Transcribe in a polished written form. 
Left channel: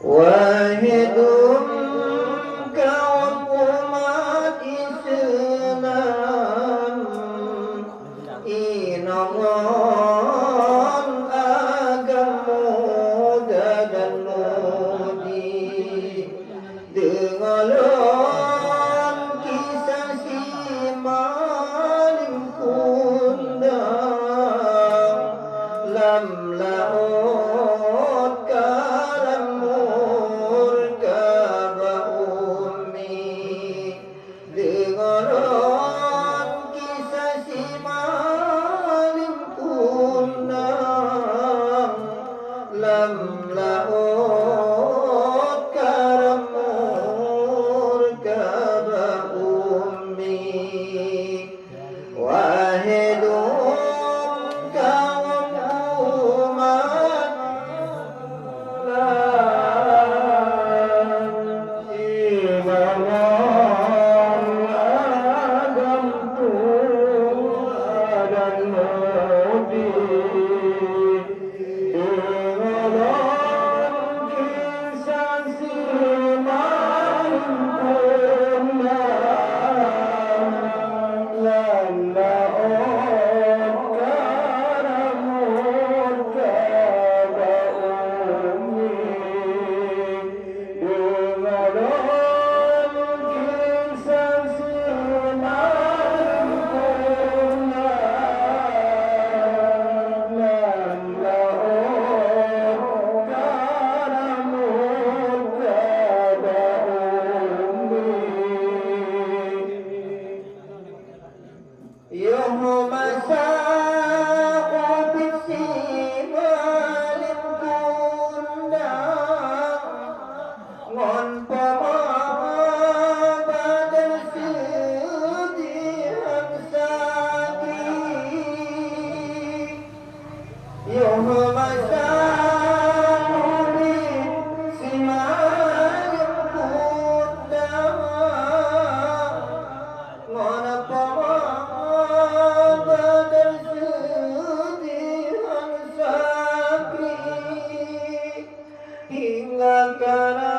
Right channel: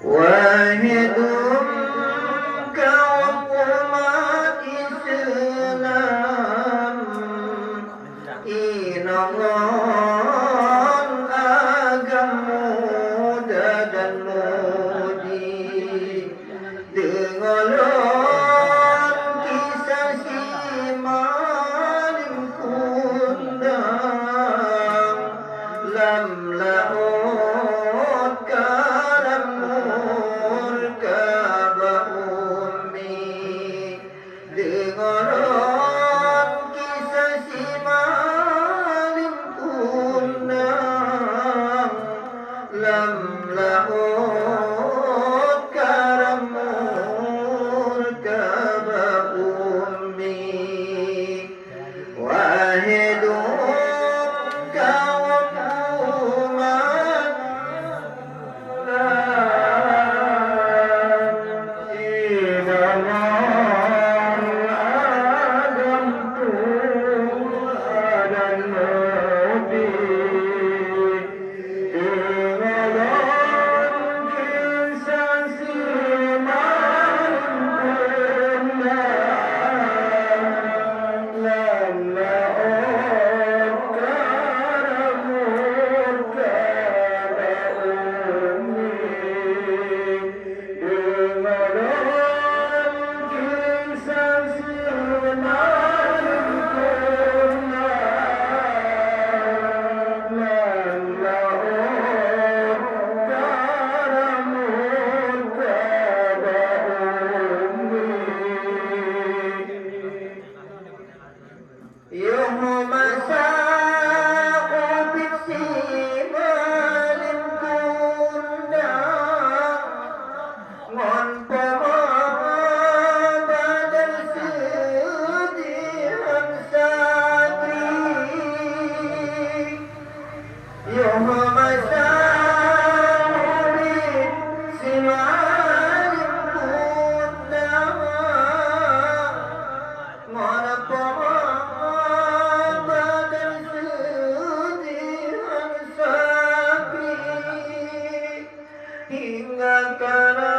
wahid kaum umat Islam inangon agama dan mudi dengaran kisah si maling kundang lam laut kalam murkaba ummi dengaran kisah si maling kundang lam laut kalam murkaba ummi wahidum kaum umat inaman adam dan nabi dengaran kisah si maling يوم مساء بسيمال كنا وانتظر بعد السود أمساكي يوم مساء بسيمال كنا hingga karena